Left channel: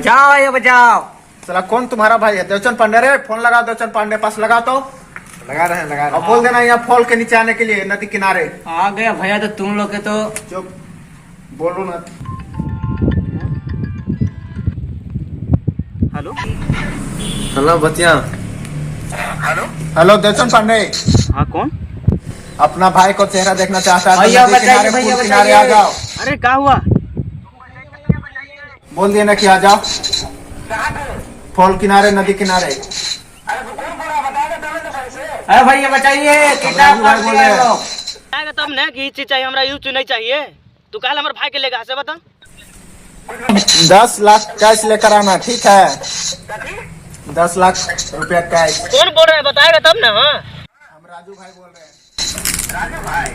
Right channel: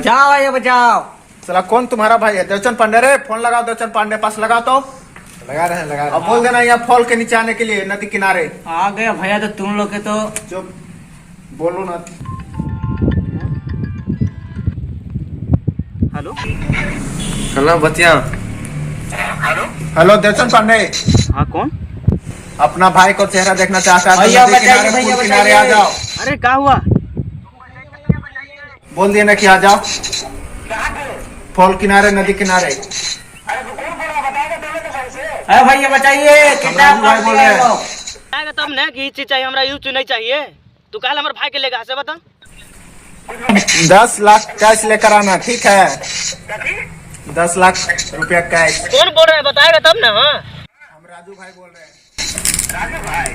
बचाओ ये बचाओ। चला कौन तुम्हारा भाई है? देवचंद पांडे रे, फोन लगाओ देवचंद पांडे पास लगाओ तो। लगा रहे हैं। अब बोल देना यहाँ फॉल के नीचे आने के लिए, नदी किनारे। आ गया भैया तो तुम लोग के तो। चुप बोलो ना। हेलो हेलो बच्चिया। हेलो देवचंद पांडे। हाँ कौन? अपना भाई को चेहरा देखना चाहता है तो भैया नदी किनारे, बताइए, भैया पुल किनारे बताइए। आ जाओ। अरे क्या हुआ? बोल दिए ना कि आ जाओ फॉल किनारे, नदी किनारे। अरे भैया बताइए। राजू भाई बोल रहे हैं। आएगा तब ना कि चीज चाहिए हमरा, यूज नहीं चाहिए। तू कल हमारे भाई के लेगा से बता। 10 लाख कैश लेकर आना, ठीक है? 10 लाख रुपया कैश। कौन बोल रहा है बताएगा तब ना। हाँ हम राजू भाई बोल रहे हैं। राजू भाई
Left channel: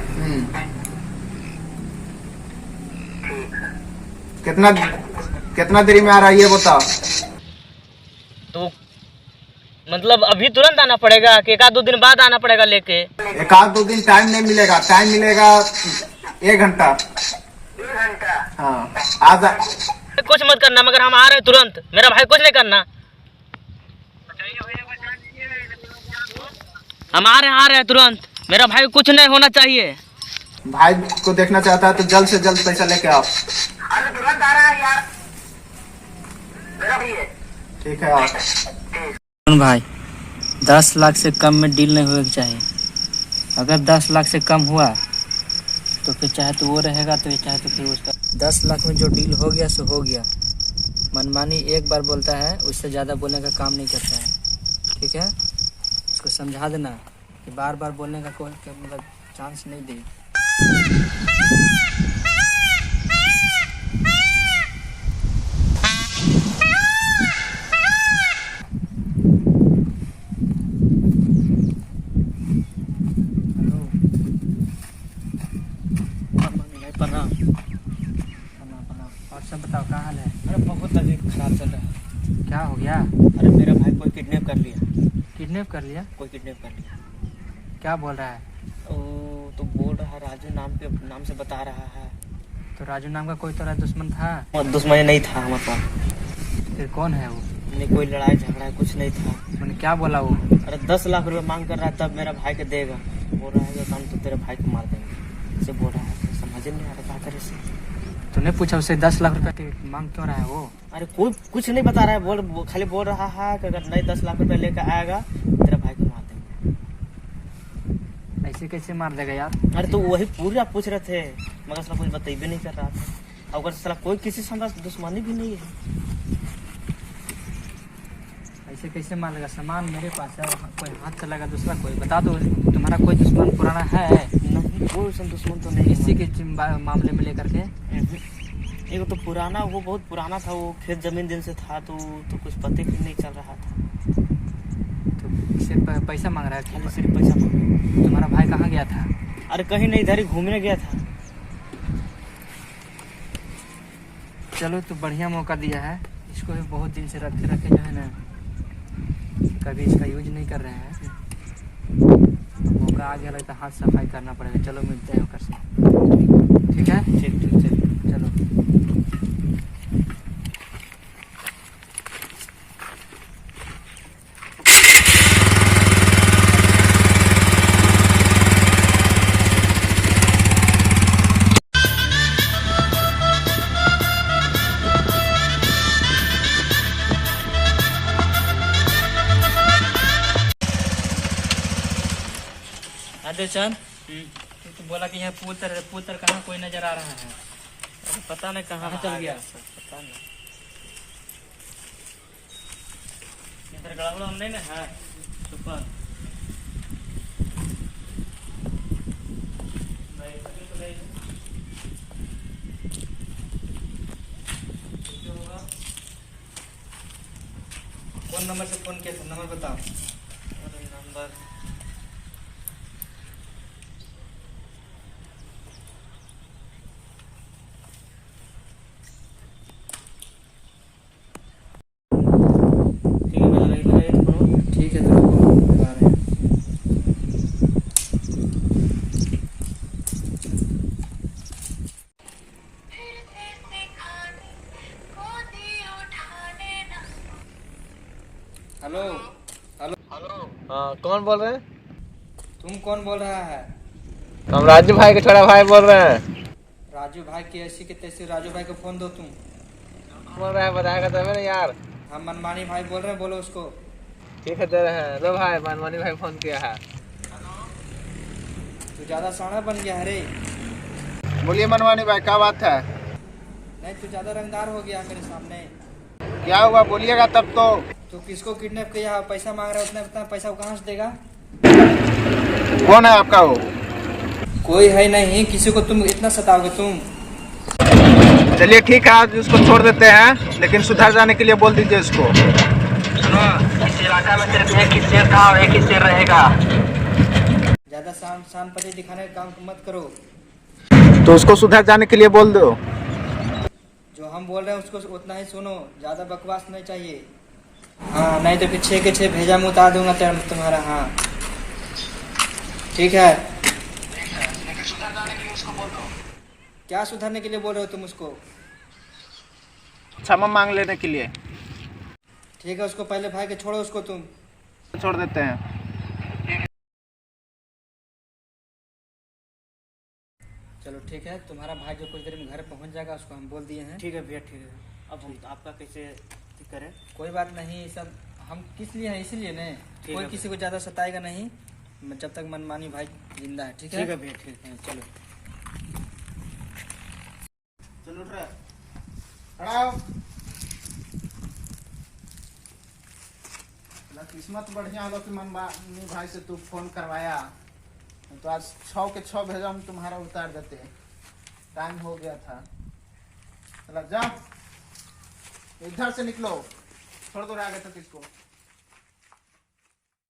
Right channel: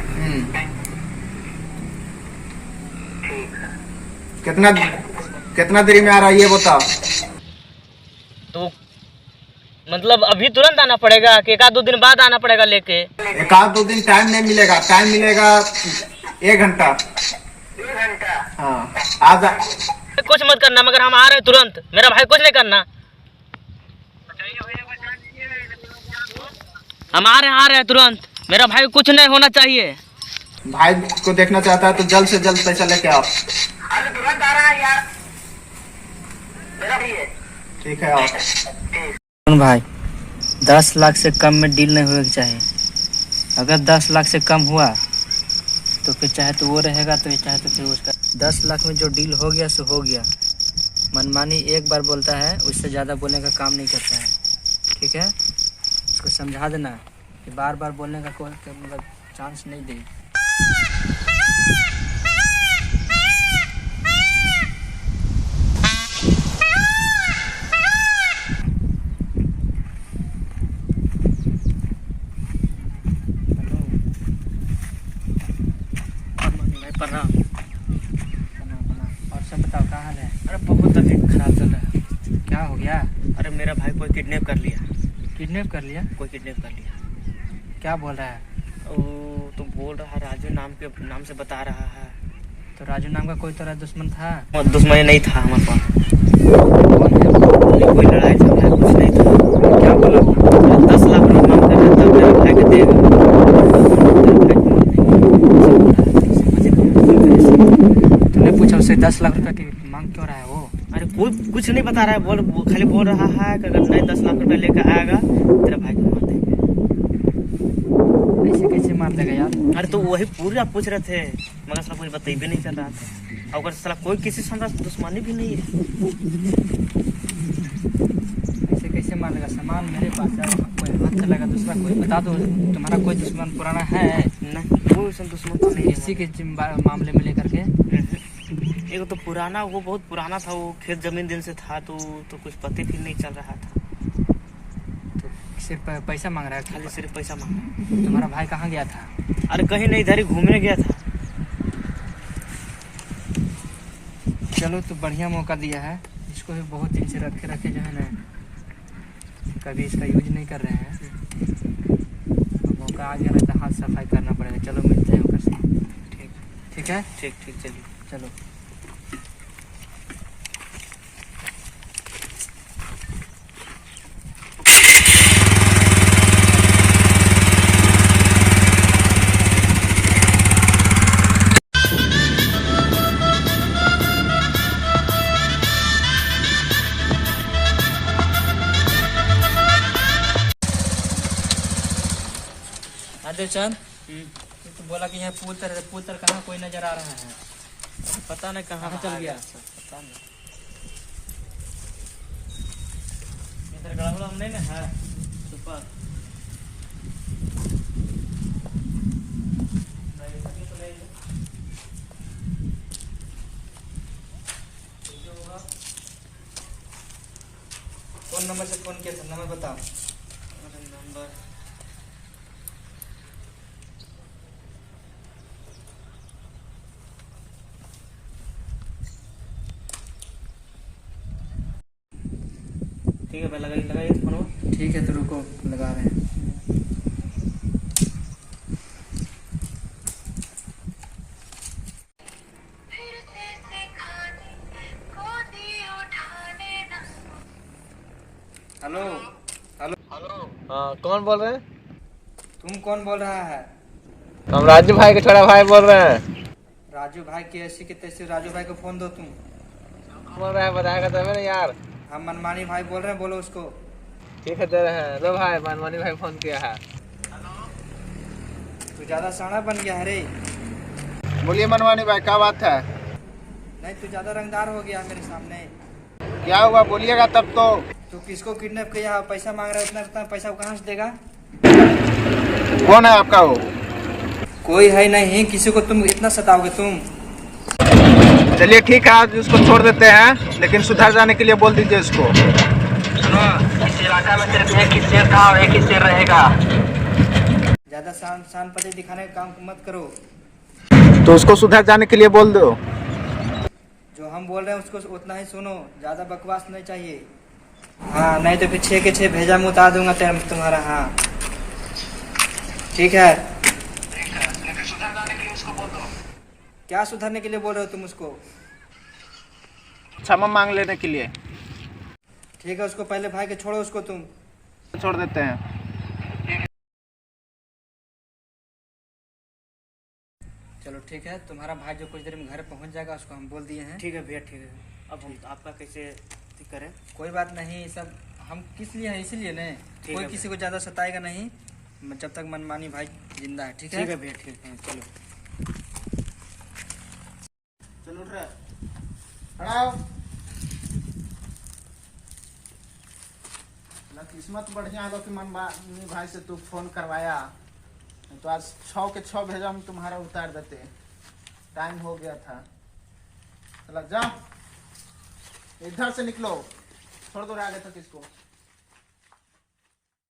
कितना कितना देरी में आ रहा है ये बताओ। तो मतलब अभी तुरंत आना पड़ेगा कि एक आध 2 दिन बाद आना पड़ेगा लेके? एक आध 2 दिन टाइम नहीं मिलेगा, टाइम मिलेगा 1 घंटा। हाँ आज कुछ मत करना, मगर हम आ रहे हैं तुरंत। मेरा भाई कुछ नहीं करना। हम आ रहे हैं तुरंत। मेरा भाई को कुछ नहीं होना चाहिए। भाई को देखना चाहता है तो जल्द से जल्द पैसा लेके आओ। तुरंत आ रहा है यार, मेरा भी है। ठीक है आओ। भाई 10 लाख से कम में डील नहीं होना चाहिए। अगर 10 लाख से कम हुआ तो फिर चाहे तो वो रहेगा, तो चाहे तो फिर उसका। 10 लाख में जो डील हो गया सो हो गया। मनमानी एक बार बोलता है, उससे ज़्यादा बोलने का काम नहीं करता है, ठीक है? उसको समझा देना कि बार बार बोलने का कोई मतलब चांस नहीं दे। प्रणाम। और सब बताओ, क्या हाल है? अरे बहुत तबीयत खराब चल रहा है। क्या हो गया? अरे मेरा भाई कोई किडनैप कर लिया। किडनैप कर लिया? कोई किडनैप कर लिया। क्या बोल रहा है? ओ तो बोल रहा है राजू नाम से बता रहा है। तो राजू नाम का कोई तेरा दुश्मन था? दुश्मन नहीं था हमारे पास। कौन है? कोई लड़ाई झगड़ा कुछ नहीं था। क्या बोला वो? 10 लाख रुपए मांग कर रहा है, तब मेरा भाई को देगा। तूने पूछा उससे 10 लाख रुपए की मांग क्यों रहा है वो? अरे कोई कुछ नहीं बता रहा है, खाली बोल रहा है कि अगर नहीं 10 लाख रुपए लेकर आएगा तेरा भाई को मार देंगे। ऐसे कैसे मार देगा यार? अरे तो वही पूरा पूछ रहे थे, मगर साला कुछ बता भी नहीं कर रहा था। अगर साला कोई किसी से हमारा दुश्मनी भी नहीं है। ऐसे कैसे मार देगा? सामान मेरे पास है, कोई हाथ चलेगा दूसरा कोई? बता दो, तुम्हारा कोई दुश्मन पुराना है? नहीं कोई सन दुश्मन तो नहीं इसी के मामले में लेकर के। एक तो पुराना, वो बहुत पुराना था, वो खेत जमीन दिन से था, तो कुछ पते भी नहीं चल रहा था। तो सिर्फ पैसा मांग रहा है? खाली सिर्फ पैसा मांग रहा है। तुम्हारा भाई कहाँ गया था? अरे कहीं नहीं, इधर ही घूमने गया था। चलो तो बढ़िया मौका दिया है इसको, भी बहुत दिन से रखे रखे जो है ना, कभी इसका यूज नहीं कर रहे हैं। मौका आ गया ना तो हाथ सफाई करना पड़ेगा। चलो मिलते हैं होकर से, ठीक है? ठीक ठीक चलिए चलो। देवचंद, तो बोला कि यहाँ पुल तर कहाँ कोई नजर आ रहा है? पता नहीं कहाँ चल गया। पता नहीं। इधर गड़ा नहीं ना है सुपर। कौन नंबर से फोन किया था? नंबर बताओ। नंबर ठीक है तो रुको, लगा रहे हैं। हेलो हाँ कौन बोल रहे हैं? तुम कौन बोल रहा है? हम राजू भाई के छोटा भाई बोल रहे हैं। राजू भाई के ऐसी के तैसे राजू भाई को फोन दो तुम। बोल रहे हैं बताएगा तब ना यार। हम मनमानी भाई बोल रहे हैं, बोलो उसको। ठीक है दे रहे हैं। लो भाई मनमानी भाई फोन किया है। तू ज्यादा साड़ा बन गया है रे। बोलिए मनवानी भाई, क्या बात है? नहीं, तू ज्यादा रंगदार हो गया मेरे सामने। क्या हुआ बोलिएगा तब तो। तू किसको किडनैप किया, पैसा मांग रहा है, उतना उतना पैसा वो कहाँ से देगा? कौन है आपका वो? कोई है नहीं, किसी को तुम इतना सताओगे तुम? चलिए ठीक है, आज उसको छोड़ देते हैं, लेकिन सुधर जाने के लिए बोल दीजिए उसको। सुनो, इस इलाका में सिर्फ एक ही शेर था और एक ही शेर रहेगा। ज्यादा शान शान पति दिखाने का काम मत करो। तो उसको सुधर जाने के लिए बोल दो। जो हम बोल रहे हैं उसको उतना ही सुनो, ज्यादा बकवास नहीं चाहिए। हाँ, नहीं तो फिर 6 के 6 भेजा में उतार दूंगा तुम्हारा। हाँ ठीक है। क्या सुधरने के लिए बोल रहे हो तुम उसको? क्षमा मांग लेने के लिए। ठीक है, उसको पहले भाई के छोड़ो उसको तुम। छोड़ देते हैं। चलो ठीक है, तुम्हारा भाई जो कुछ देर में घर पहुंच जाएगा उसको हम बोल दिए हैं। ठीक है भैया, ठीक है। अब हम आपका कैसे करें? कोई बात नहीं, सब हम किस लिए हैं इसीलिए नहीं। कोई है किसी को ज्यादा सताएगा नहीं जब तक मनमानी भाई जिंदा है। ठीक है, ठीक है भैया, ठीक है। चलो। चलो उठ रहे खड़ाओ। किस्मत बढ़िया है कि मनमानी भाई से तू फोन करवाया, तो आज 6 के 6 भेजा हम तुम्हारा उतार देते। टाइम हो गया था। चला जाओ, इधर से निकलो, छोड़ दो आगे तक इसको।